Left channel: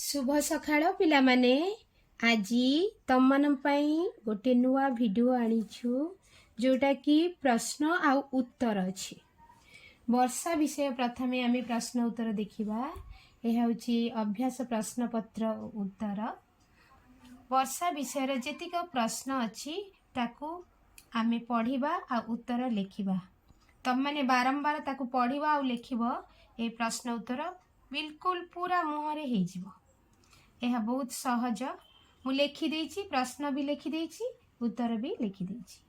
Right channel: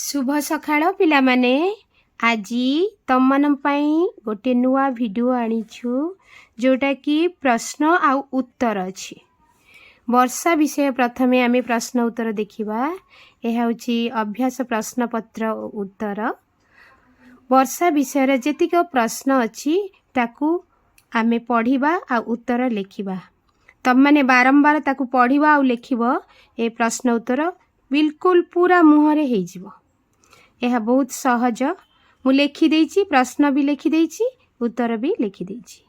शुभ सकाळ पिलामाने आजी तमन पई गोटे नुआ वीडियो आनिछु जोटा कि प्रश्न आउ उत्तर अछि। वर्षा विषय प्रथमे आमे प्रश्न उत्तर देखिबा। यह होछि अभ्यास प्रश्न पत्र उत्तर। वर्षा विषय रे जेतिक प्रश्न अछि ताकू आमे पढ़िबा आ उत्तर लिखिबा। तब माने बारंबार ताकू पढ़िबा आ लिखिबो ए प्रश्न उत्तर बिल्कुल पूरा मुहरे हे जिवो। यह बहुत सहज। मु लिखि देइछि, प्रश्न भी लिखि देइछि, उत्तर भी लिखि देइछि।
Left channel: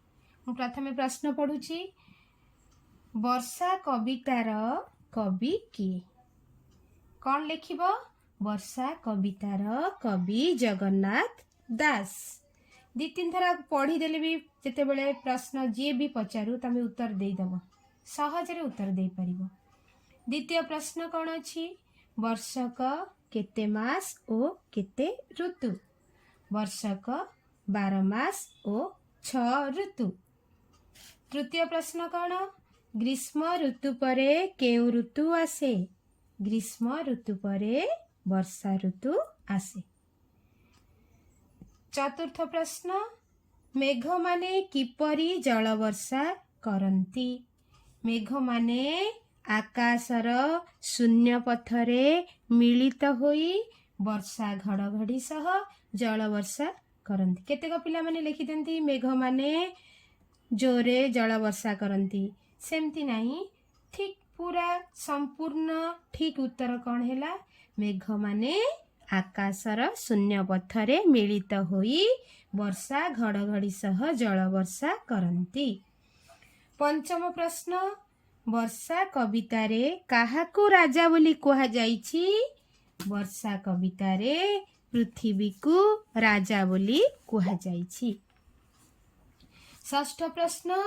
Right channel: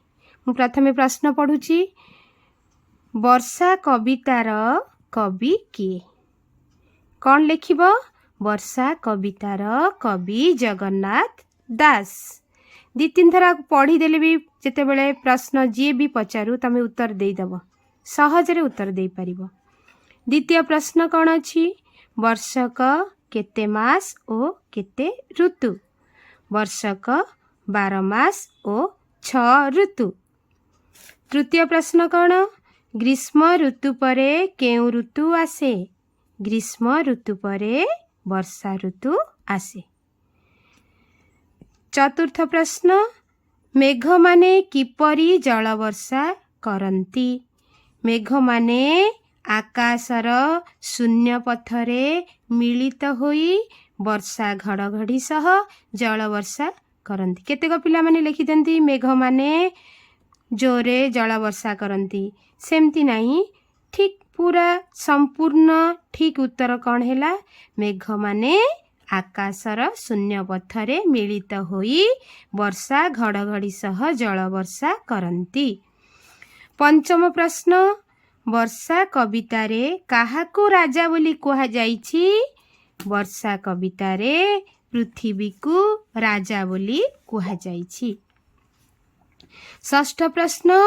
मु प्रथमे प्रश्न पढुछि। वर्षा कवितार कवि किए? कौन लिखिबो? वर्षा कवितार कवि जगन्नाथ दास। दी तीन थरा पढ़ी देले भी जेते बेले प्रश्न जे भी पचारू तमे उत्तर देई दबो, सहज रे उत्तर देई परिबो। द्वितीय प्रश्न कौन अछि? वर्षक केते मास ओ केते ऋतु? वर्षक 12 मास ओ 6 ऋतु। तृतीय प्रश्न कौन? ग्रीष्म ऋतु परे केउ ऋतु आसे? ग्रीष्म ऋतु परे वर्षा ऋतु आसे। चतुर्थ प्रश्न मेघ माने किपरि जल वर्षा करंती? मेघ माने आकाशर शून्य पथरे मिलित होई वर्षा घड़घड़ी सह जल वर्षा करंती। केतेक पिला माने लिखि देंती मेघ माने जोरे जल वर्षा करंती। सेमती नहीं, ठीक पूरा संपूर्ण ठीक उत्तर कौन हैला? मेघ माने आकाशर शून्य पथरे मिलित होई वर्षा घड़घड़ी सह जल वर्षा करंती। पंचम प्रश्न वर्षा कवितारे काहाकू राजा बोली कुहा जाइछि? वर्षा कवितारे पृथ्वी को राजा बोली कुहा जाइछि। षष्ठ प्रश्न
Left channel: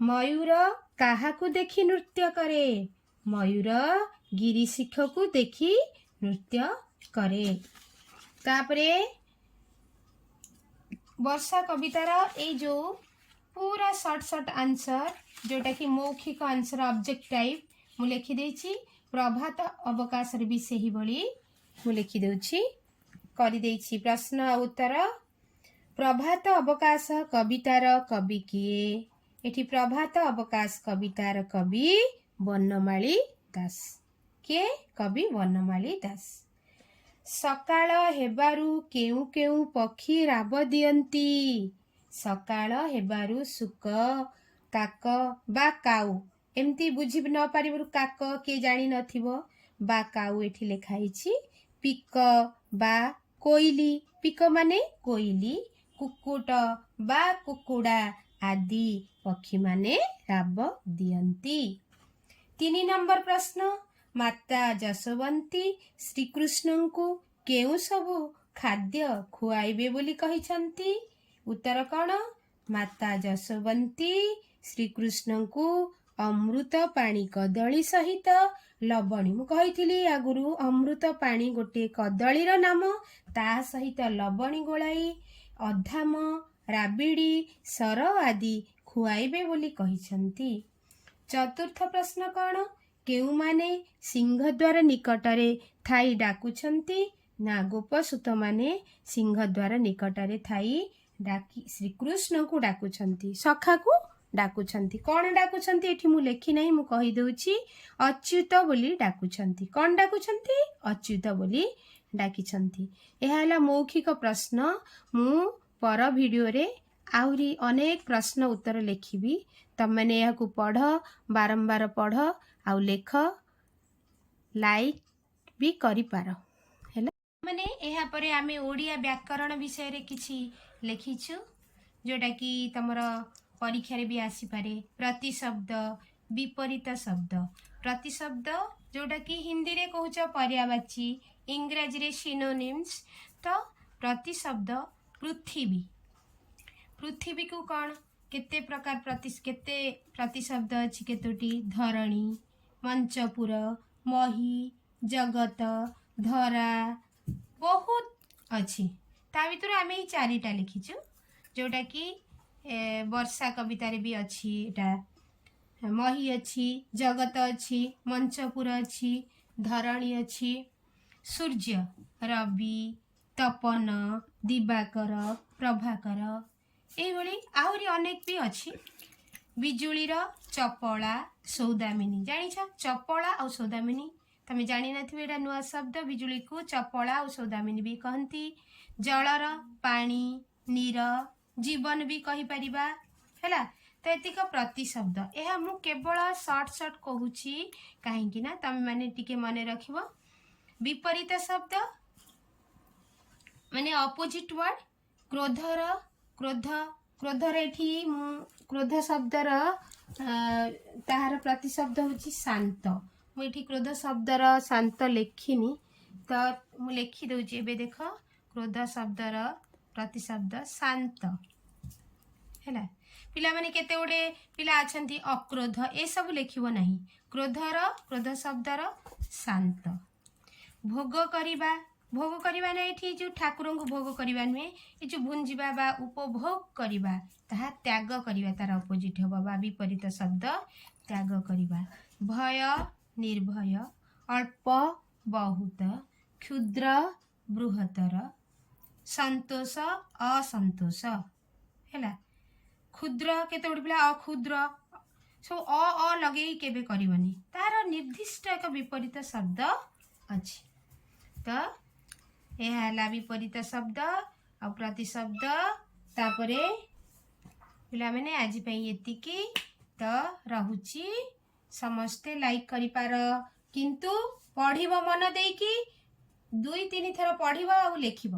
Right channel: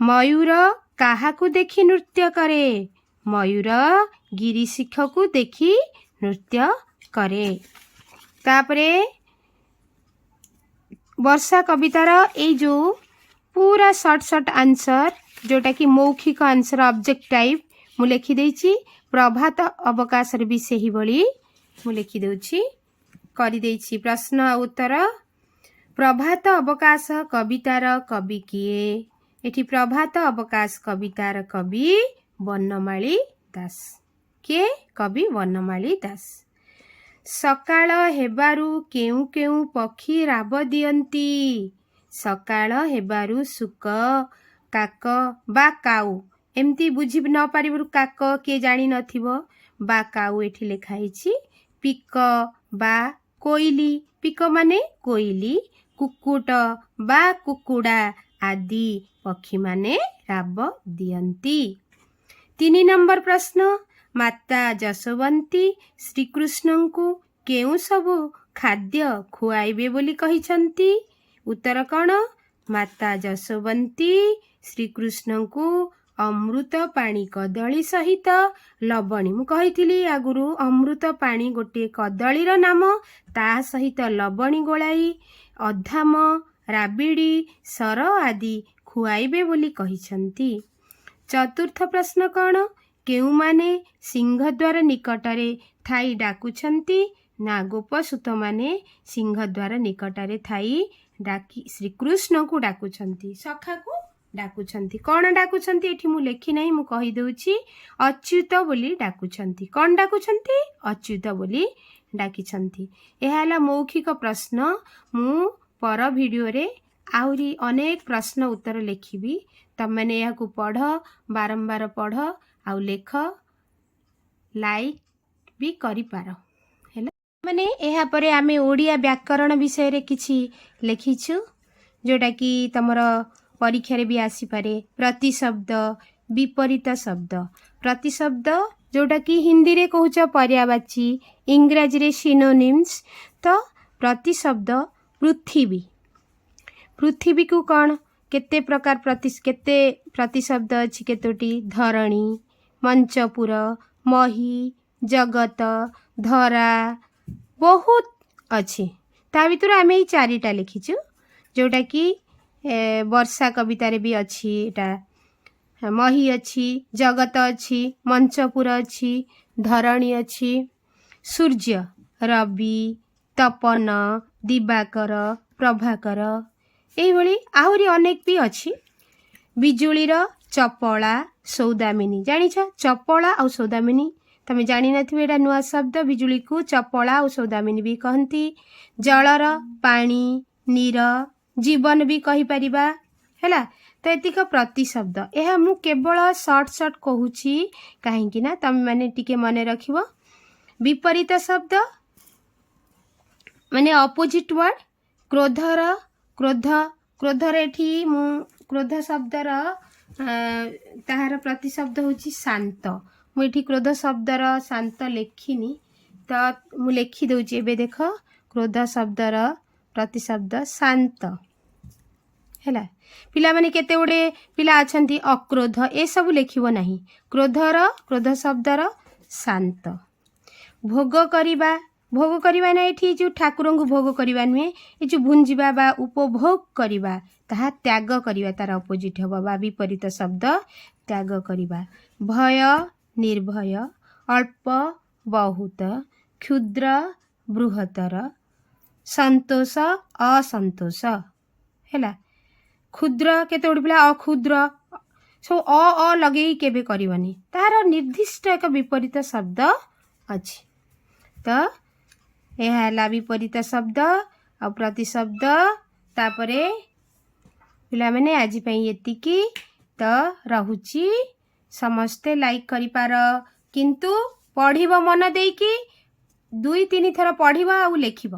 मयूर काहाकू देखि नृत्य करे? मयूर गिरिशिख को देखि नृत्य करे। तापरे वर्षा कवितार ए जो पूरा शॉर्ट आंसर जोटा कि मौखिक आंसर ऑब्जेक्ट टाइप मु लिखि देइछि। प्रभात अवकाश भी सही भली मु लिखि देउछि, करि देइछि। प्रश्न आ उत्तर प्रभात अवकाश कवितार कवि किए? एठी प्रभात अवकाश कवितार कवि वनमाली दास। के कवि वनमाली दास। सकाळ हेबारु केउ केउ पक्षी राब दियंती? सकाळ हेबारु सुक, काक बा काऊ एमती बुझी न पारिबरु काक के जानी नथिबो बा काऊ एठी लेखा हिछि। पिक बा कोइली, पिक माने कोइली, कुकुट बा कुकुडा आदि पक्षी माने राब दियंती। 3 नंबर प्रश्न माता जसवंती श्रीकृष्ण को केउ सबु खाद्य खुआइबे बोली कहिसंती? उत्तर कौन? माता जसवंती श्रीकृष्ण को अमृत पानी कदली सहित लवणी, मु कहिथिली आगुरु अमृत पानी गोटे कदलीर नाम, ता सहित लवणी गोलाई अधाम राबिड़ी सर आदि खुआइबे बोली कहिसंती। चतुर्थ प्रश्न कौन? केउ माने सिंहद्वार निकटरे थाई डाकुछंती? ना गोपसूत माने सिंहद्वार निकटरे थाई डाकी श्रीकृष्ण को डाकुछंती, सखा को डाकुछंती। कौन डाकुछंती एठी मु लेखि नहीं, मु कहि देउछि अच्युत बोली डाकुछंती। कौन डाकुछंती? अच्युत बोली डाकिछंती। एहा हला मौखिक प्रश्न। मु पर वीडियो रे आउरी अनेक प्रश्न उत्तर लिखिबी। तब मैंने यह को पढ़, बारंबार पढ़ आउ लेख, लाइक भी करि पारो हैला। माने एहा परे आमे ओडिया व्याकरण विषय रे किछि लिखिछु जोटा कि तमर परीक्षा रे भी आसी पारे। प्रतिशब्द, विपरीत शब्द। प्रतिशब्द जोटा कि हिंदी रे कहउछ पर्यायवाची, इंग्रजी रे सिनोनिम्स। तो प्रतिशब्द पृथ्वी। पृथ्वी को कौन केते प्रकार केते प्रतिशब्द अछि केतोटी? धरणी, मंचपुर, मही, जगत, धरा बहुत अछि। ता भितर आमे ई चारिटा लिखिछु जोटा कि वर्षा कवितारे भी अछि। एटा मही अछि, जगत अछि, मंचपुर अछि, धरणी अछि, सूर्य ରବି, ତପନ, ଦିବାକର, ପ୍ରଭାକର, ଏଇଭଳି ଆହୁରି ଅନେକ ବି ଅଛି। ବିଜୁଳିର ଚପଳା, ସୌଦାମିନୀ, ଜାଣିଛ ଚପଳା ଆଉ ସୌଦାମିନୀ? ତମେ ଜାଣିନଥିବେ, ଏଇଟା ନୂଆ ଶବ୍ଦ। ବିଜୁଳିକୁ ଚପଳା ଆଉ ସୌଦାମିନୀ ବି କହନ୍ତି। ଜଳର ପାଣି, ନୀର, ଜୀବନ ବି କହିପାରିବା ହେଲା। ତ ଏତିକ ପ୍ରତିଶବ୍ଦ। ଏହା ମୁଁ କେବଳ ସର୍ଟ କହୁଛି, କାହିଁକି ନା ତମେମାନେ ଟିକେ ମନେ ରଖିବ। ବିପରୀତ ଶବ୍ଦ ମାନେ ଅପୋଜିଟ୍ ୱାର୍ଡ। କ୍ରୋଧର ଏଠି ମୁଁ କ୍ରୋଧ ଶବ୍ଦର ତାହାର ପ୍ରତିଶବ୍ଦ ହେଉଛି ଶାନ୍ତ। ମୁଁ ଏଠି କ୍ରୋଧ ଶବ୍ଦର ଶାନ୍ତ ଲେଖିନି, ତ ମୁଁ ଲେଖିଦେଉଛି ଏବେ। ଦେଖ, କ୍ରୋଧ ଶବ୍ଦର ପ୍ରତିଶବ୍ଦ ଶାନ୍ତ ହେଲା। ପିଲାମାନେ କେତେ ଗୁଡ଼ିଏ ପିଲା ଅଛନ୍ତି ଅକ୍ରୋଧ, ଏସବୁ ଲେଖିବ ନାହିଁ। କ୍ରୋଧ ଶବ୍ଦର ଶାନ୍ତ। ଭୋଗ କରିବା ନା ଏଠି ଯେଉଁ ଠାକୁରଙ୍କୁ ଭୋଗ କରିବା ନୁହେଁ, ଏ ଯେଉଁ ଭୁଞ୍ଜିବା ବା ଉପଭୋଗ କରିବା, ତାହା ତ୍ୟାଗ କରିବା, ତାର ଅପୋଜିଟ୍ ହେବ ବା ବିପରୀତ ଶବ୍ଦ ତ୍ୟାଗ କରିବା। ଭୟ, ନିର୍ଭୟ, ଅଳ୍ପ, ବହୁତ, କ୍ଷୁଦ୍ର, ବୃହତ୍ତର, ସନ୍ତୋଷ, ଅସନ୍ତୋଷ ହେଲା। କ୍ଷୁଦ୍ର, କେତେ ଗୁଡ଼ିଏ ପିଲା ଅକ୍ଷୁଦ୍ର, ସବୁ ଲଗେଇକି କେବେ କରିବନି, ତାହାର ନିର୍ଦ୍ଦିଷ୍ଟ ଏକ ବିପରୀତ ଶବ୍ଦ ଅଛି। ତ ଏହା ହେଲା ବିପରୀତ ଶବ୍ଦ ଆଉ ପ୍ରତିଶବ୍ଦ। ତାପରେ ପିଲାମାନେ ଆଜି ପାଇଁ ଏତିକି। ତ ରହୁଛି। ସମସ୍ତେ ଲାଇକ୍ କରିପାର, କିନ୍ତୁ ପଢ଼ିବ ମନ ଦେଇକି, 2-3 ଥର ପଢ଼ିବ ଆଉ ଲେଖିବ।